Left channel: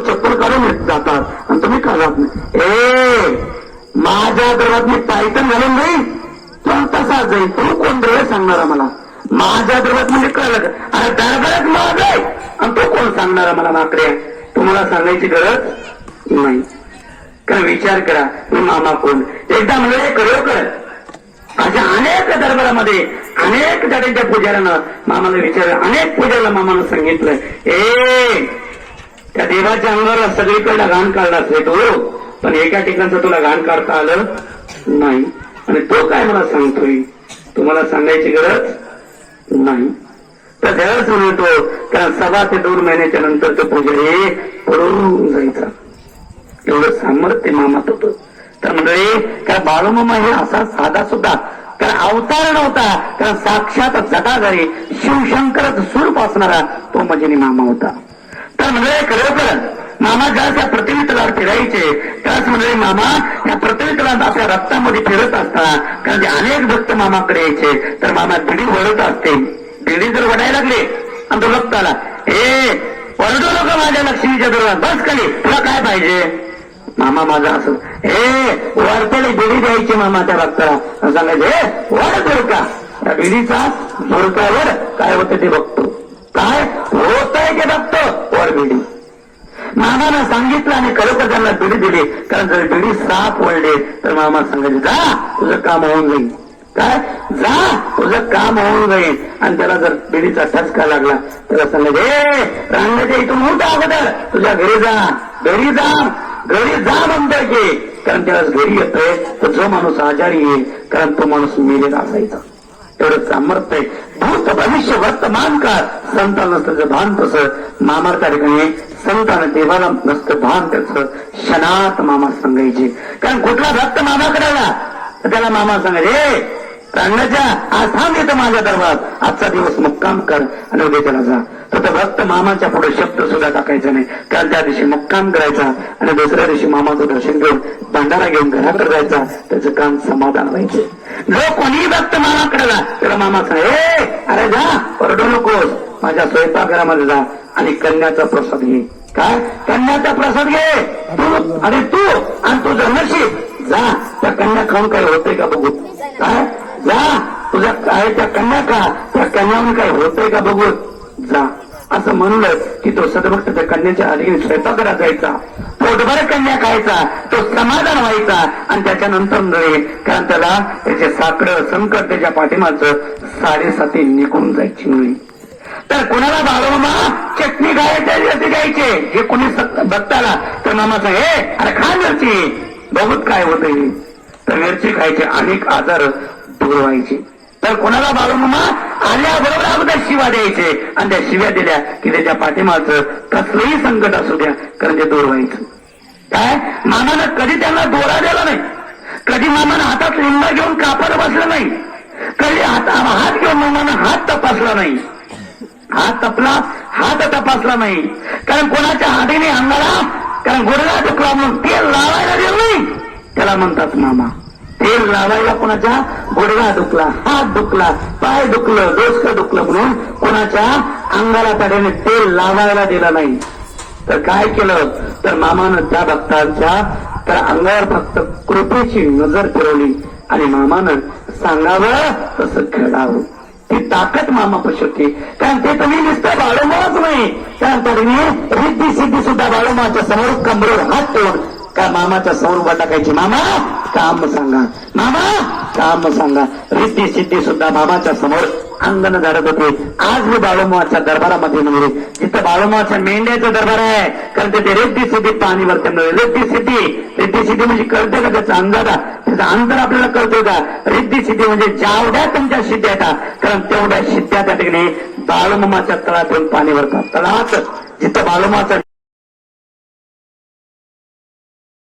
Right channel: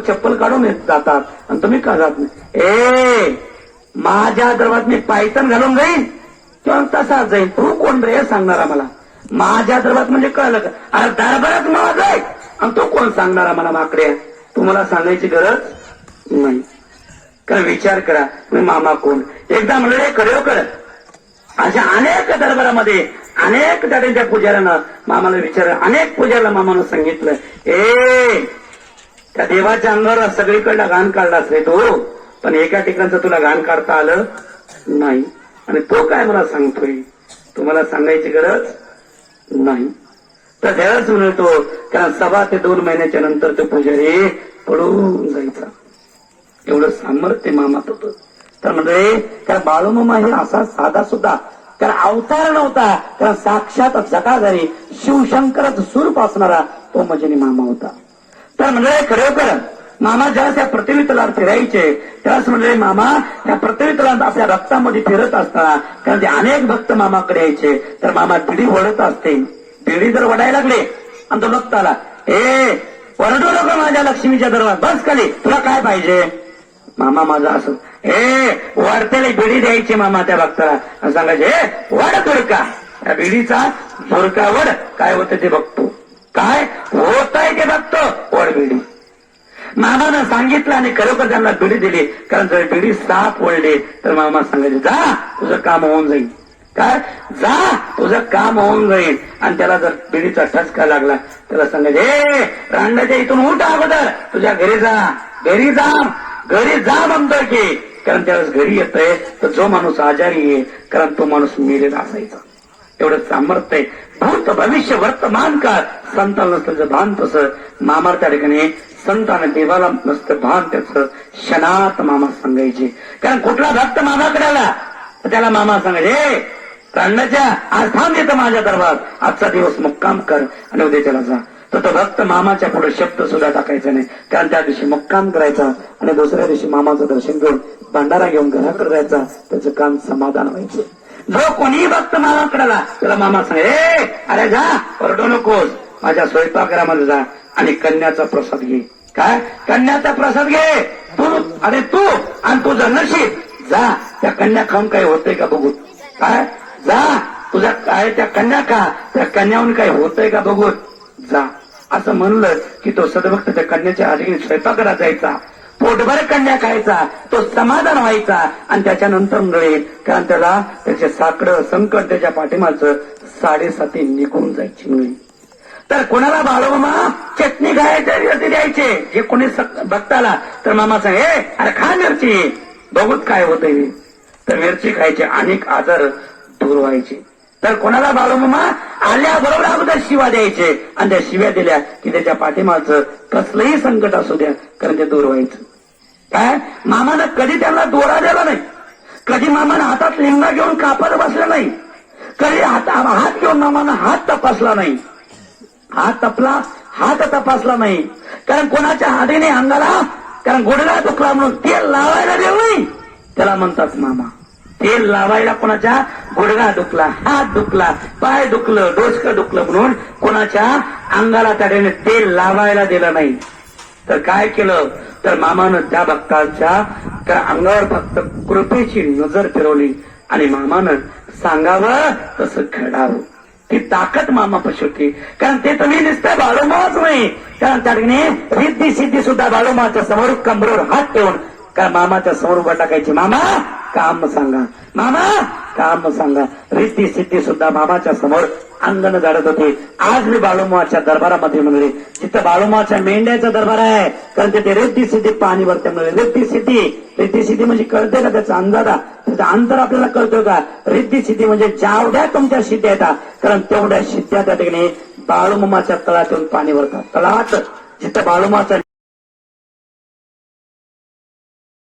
लोक चप्पल काढून जातात. आणि तुम्ही का ए माझ्या दरात मी पायथन घालून जाईन. तर तसाच जाईल तू कोण रे सांगणार मला? माझ्या दरात म्हणजे कळलं अरे दरबारात मला आहे. आणि तो कोण सांगणार मला माकडे? तुम्हाला सांगायची गरज नाही. कारण विचार करा. मी मामा कोण? एकदा म्हणजे करेव करत अशा अनेक दरबारामध्ये अनेक जातीच्या पुजाऱ्यानं मामाला विचारलं अनेक पुजाऱ्याला मामानं सांगितलं. ए त्या देवाच्या अंगावर सगळीकडनं घाण काढला असेल तो पण एका ठिकाणचं तुला घाण काढता आलं नाही. आणि तो काय मला सांगतोय? तुम्हाला सांगायची गरज नाही. तर देवाच म्हणतो कारण सभा ते दोन महिन्याच्या नंतर तो पुजारी पडून जायचा. एवढं सामर्थ्य मामात होतं. तर म्हणजे काय बाळूमामा हे असा साधा सुद्धा कारण अवतार नव्हता. कारण साक्षात जगाधारी शिवशंकरच स्वरूप असणारा तो म्हणजे मामा होता. तर म्हणजे खरोखर मामा ज्या त्या पृथ्वी फिरायचे त्याच म्हणले मामा या पृथ्वी आपल्या रक्तामध्ये फिरत असता कारण ते अनेक भक्त मामाकडे यायचे तर मामा बिडी वळत असते. बिडी जर वडायला लागले आणि तो भक्त आला ए वळतो लोक माझ्या लक्ष्मीच्या दरबार बस खाली तुला काय पाहिजे? मामा माझा असं हे वरतेली बिडी द्यायची मामा त्या भक्ताला सांगायचे हे वड बुरका. त्या बिडीचा बुरकावर काय होतं ते बघतो काय होतंय ते बघतो वड बिडी मामानं सांगितलं आणि खरोखर त्यांना धडी दिली. कारण जर धडी साफ वळले तर मामा सांगायचे जा तुझं काम होऊन जाईल. काय? जा तुझं काम होऊन जाईल. आणि त्याला जर बिडीचा ठसका लागला त्याला सांगायचे ए रांगाच्या इथून उलट अगोदर तुझ्या घरी जा घरी जा घरी जा म्हणतोय की. कारण त्याला घरी येतोय तर जो माणूस आजारी आहे कारण तो माणूस मेलेला असायचा. एवढं सामर्थ्य आहे. भूत भविष्य वर्तमान काळ संतान नसतं भान तसं. मामा त्या ठिकाणी संतानं देवाला नसतं भान त्याचं. क्षणात मामा सांगायचे. कारण कुठला भक्त मामाकडे आला? तर त्याला मामा सांगायचे प्राण्याच्या आज थांब येतं माझा दरबार. आजचा दिवस मुक्काम कर आणि उद्या त्याला जा. तर तो भक्त मामाच्या पुढे शब्द सुद्धा टाकायचा नाही. कारण त्या दिवशी मुक्काम करायचा आणि दुसऱ्या दिवशी मामाचं दर्शन घेऊन भंडारा घेऊन घराकडे जायचा. त्याचं काम समाधान व्हायचं. जो कोणी भक्त मामाकडे आला त्याला मामा सांग "ए, अरे जा परडू नकोस. माझ्या स्वयंपाकघरामध्ये जा आणि कन्याचा प्रसाद घे. काय? कन्याचा प्रसाद घे. तू अरे तू आणि तू नशीब जा. त्या कन्या खाऊन काय होतंय का बघू? काय? जा. तुझ्या काय त्या कन्या का त्या कन्याहून काय होतंय का बघू? जा. असं म्हणलं की तो सदभक्त त्या कन्याच्या आधी स्वयंपाकघरात जायचा. पोटभर कन्या खायचा तो समाधान व्हायचा आणि त्याच्यानंतर नळे कारण त्याला त्याचे साकडं संकट त्याच्या पाठीमागचं साडेसाती निघून जायची नळे. तर कोणाला भावना चटणी खायची द्यायचे हे कोणी बघताना तर मामा हे अरे खा मिरची. बघूत काय होत तर मिरची खायचे अनेक आजार दूर व्हायचे. तर कोणाला भावना आल्याबरोबर अगोदर शिवा द्यायचे. आणि त्या शिव्या दिल्या की त्याच्या पाठीमागचं कसलंही संकट असू द्या कारण ते दूर व्हायचं. काय? मामानं कधी त्यांना दोरा दिला नाही? कधी मामानं हातात लिंगा घेऊन कापड बसलं नाही? कधी हात हात घेऊन मामानं हात तपासला नाही? हात तपला हात तपासला नाही. कारण कोणाच्या हातीने अंगाला कारण गुडला दुखला म्हणून तेल लावायला देऊ त्याला म्हणतात मामा. तेल लावायला कोणाच्या? गुडघा दुखला हात दुखला पाय दुखलं डोसकं दुखलं म्हणून कोणाच्या? अंगाला त्याने तेल लावायला दिलं नाही. तर काय केलं? तर मामानं त्या भक्तांच्या तर अंगावर फक्त कृपेची नजर फिरवली आणि मामानं सांगावं तसं घडावं. ती ताकद मामा होती कारण ते तुम्ही नुसतं बाळंबाच नाही. कारण त्याने रिद्धी सिद्धी सुद्धा बाळूमाच्या समोर कमरेवर हात ठेवून का मामाच्या समोर उभा टाकायची? मामा काम सांगा. मामा काम सांगा. रिद्धी सिद्धी सुद्धा मामाच्या समोर अंगण झाडत होते. आज मी बाळूमाच्या दरबारामध्ये मिळेल तिथं बाळूमाच्या मेंढ्याचा दरबार आहे कारण तिथे रिद्धी सिद्धी पाणी भरते म्हणजे रिद्धी सिद्धी रिद्धी सिद्धी म्हणजे कळते का त्याचा अंदाजा त्याचं अंतर आपल्याला कळतो का? रिद्धी सिद्धी म्हणजे जेवढ्या तुमच्या सिद्ध्या येतात कारण तेवढ्या सिद्ध्या त्या ठिकाणी बाळूमाच्या तळातून पाणी भरतात तळात. जिथं बाळूमाचा